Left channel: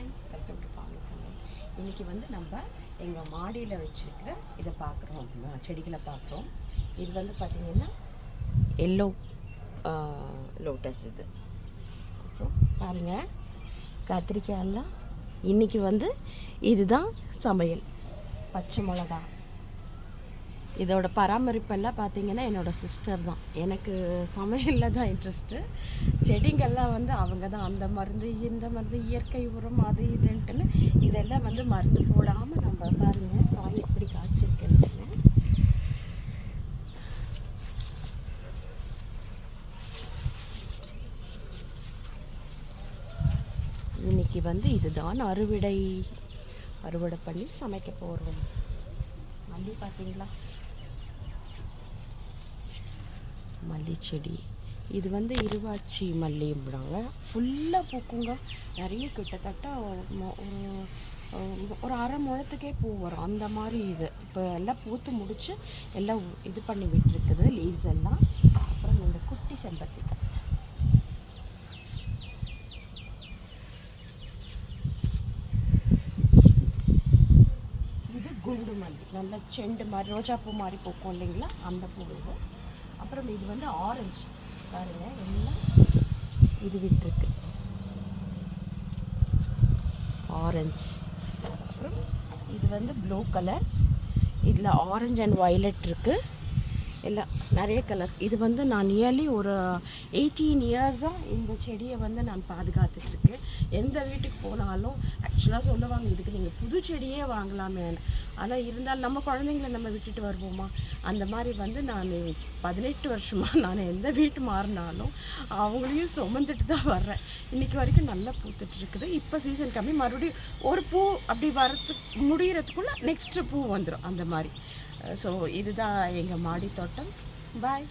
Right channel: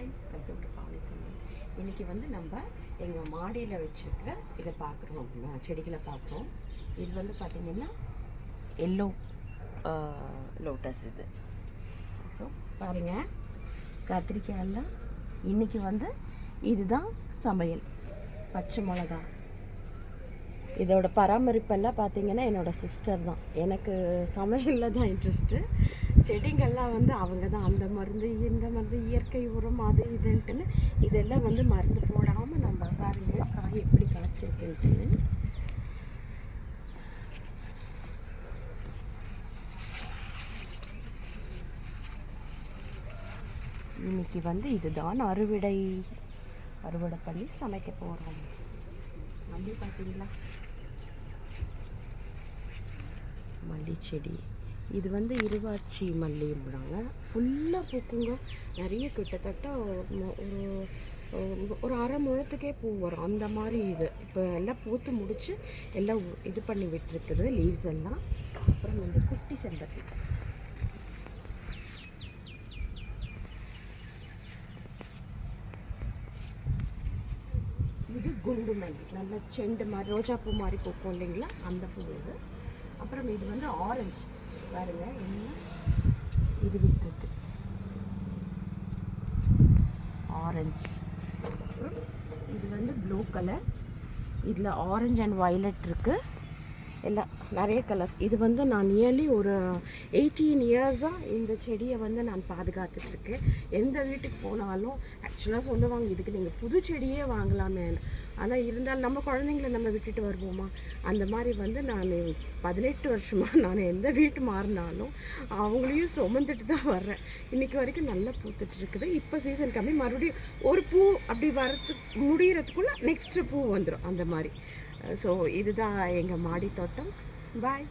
Hi, welcome to Pavani சமையல். இன்றைக்கி வந்து நம்ம எங்கள் மாடியில் வச்சுருக்கிற இதை பார்க்குறோம், செடிகளை பார்க்குறோம். இது வந்து பார்த்திங்கன்னா எல்லோ லோட்டஸ். இது அப்புறம் பாருங்கள், கத்திரிக்காயெல்லாம் இன்றைக்கி வந்து இதுதான் சமையல். பச்சை மிளகா, இதோட பராமரிப்பெல்லாம் பார்த்திங்கன்னா என்னோடய சிஸ்டர் தான். எனக்கு சமையலில் தான் இன்ட்ரெஸ்ட்டு. செடிங்கள்லாம் வந்து அவங்க தான் அந்த மருந்து இந்த மருந்து இயற்கை உரம் அது இதுன்ட்டுன்னு இதெல்லாம் வந்து மருந்து போடாமல் நம்ம பாருங்கள் காய் எப்படி காய்ச்சிருக்குன்ட்டுன்னு. இன்னைக்கு வந்து இதுதான் அறுவடை பண்ணி சமைக்க போகிறோம். மல்லி பார்த்தீங்களா, மல்லி செடி. இது வந்து இருவாச்சி மல்லிங்கிறாங்க. ஃபுல்லாக பூக்குங்க. நிறைய கிட்டத்தட்ட ஒரு அரை முழத்துக்கே பூ வரும் அந்த மாதிரி. இது இப்போ எல்லாம் பூத்து முடித்து எல்லாம் இது பண்ணி விட்டுருக்குது லீவ்ஸ் எல்லாம். அப்புறம் இந்த குட்டி செம்பருத்தி, இது குண்டு மல்லி, நல்ல செண்டு மாதிரி ரோஜாப்பூ மாதிரி பூக்கும் இல்லைங்களா, அந்த பூ இது. அப்புறம் இது வந்து ஆரஞ்சு பாருங்க, எல்லாம் இது விட்டுருக்கு ஆரஞ்சு. அப்புறம் இது வந்து ப்ளூ கலர், இதில் ஆரஞ்சு அண்ட் வயலட் இருக்குது, எல்லாம் நிறைய கலர்ஸ். இது வந்து நான் நியர்லி ஒரு 18 இயர்ஸாக இந்த செடியை வந்து நான் பாதுகாத்துட்ருக்கேன். எந்த வீட்டுக்கு போனாலும் ஆக்சுவலாக சொல்லுவாங்க, இதுக்கு நீங்கள் புது செடியே வாங்கலாமே. ஆனால் இருந்தாலும் நம்ம குழந்தைங்கள நம்ம விட்டுட்டு வருவோமா, அந்த மாதிரி வந்து நான் 18 வருஷமாக நான் எந்த வீட்டு மாறினாலும் அவங்களையும் சுமந்துட்டு தான் வர்றேன். இன்றைக்கி வரைக்கும் நல்லா பூத்துட்ருக்குது. இப்போ சீசன் கம்மி, மறுபடியும் ஒரு பூ அப்படி வரத்துக்கு முடிகிறதுக்குள்ளே நெக்ஸ்ட்டு பூ வந்துடும் அந்த மாதிரி. ஸோ இதுதான் எங்கள் மாடி தோட்டம். பாய்.